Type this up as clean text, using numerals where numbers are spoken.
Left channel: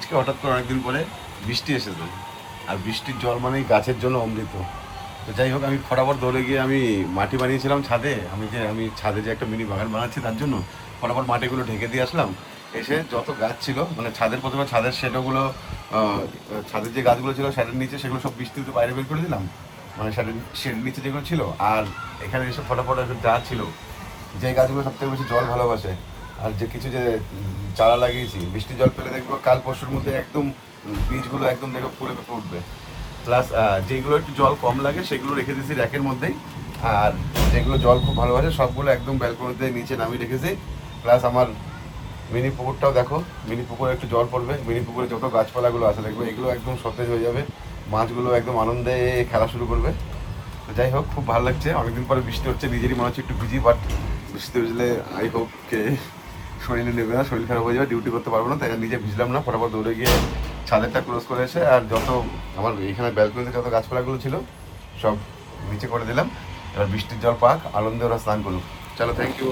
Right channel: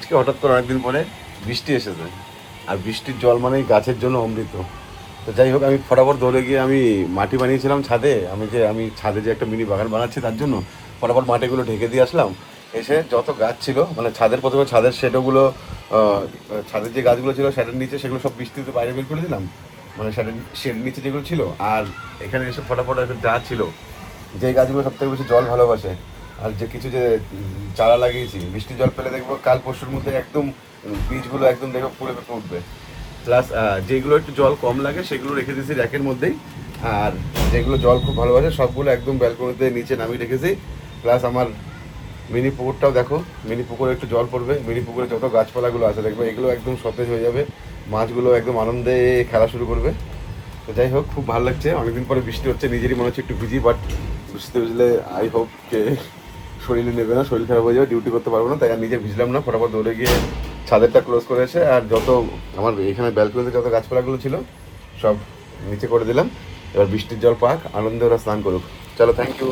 আজকে হঠাৎ করে অনেকদিন পরে বৃষ্টি এসেছে, আর বৃষ্টির জল মানে গাছের জন্য অমৃত। তো যাই হোক, আমি ফটাফট দৌড়ে গিয়ে আমি মাটি বানিয়েছিলাম ছাদে। আমি ছাদে যে একটা মিনি বাগান বানাচ্ছি তার জন্য ফটাফট মাটিগুলো ঢেকে দিয়ে আসলাম। এসে যত গাছ ছিল, মানে ছাদের প্রথমে ছাদের শেডগুলো, ছাদের যে গাছগুলো ছিল শেডের নিচে, সেগুলো সব বৃষ্টিতে বাইরে বের করে দিলাম, মানে শেডের নিচে যেগুলো ছিল। আর এখানে এসে ফটাফট যা ছিল, যে গাছগুলো সব থেকে বেশি জল ভালোবাসে আর যে কিছু যে চারা লাগিয়েছি, বৃষ্টির জল পেলে দেখবো কাল পরশুর মধ্যে একদম বীজগুলো একদম দেখবো ফুলে ফেটে উঠবে। প্লাস যেগুলো একটু জল কম লাগে সেগুলো রেখে দিয়েছি র্যাকের মধ্যেই, আর যেগুলো জল খুব ভালোবাসে সবগুলো একদম ব্যালকনিতে নিচে নামিয়ে রেখেছি। প্লাস আমার মিনি পুকুরটাও দেখো, মিনি পুকুরে একটু জল পড়বে, মিনি পুকুরে যত গাছপালাগুলো আছে দেখবো এগুলো একদম সতেজ হয়ে যাবে, মাছগুলো একদম আনন্দে খেলা শুরু করবে। তো যাই হোক, খুব ভালো লাগছে। অনেকদিন পরে বৃষ্টি হচ্ছে, নিজেরই মনে হচ্ছে একটু ভিজি, বাট বৃষ্টি ভিজলে আই হোপ কে শরীরে নেবে না, শরীর খারাপ হয়ে যাবে, ডিউটি করতে পারবো না, তাই আর নিজে ভিজলাম না। ফটাফট দৌড়ে গিয়ে ছাদেরটা ক্লোজ করে এসে আর যত আমার এখানে ব্যালকনিতে যত গাছপালাগুলো ছিল সব নিচে করে দিলাম। এবার বৃষ্টির জল পাক, আনন্দে ওরা স্নান করুক। চলো, থ্যাংক ইউ।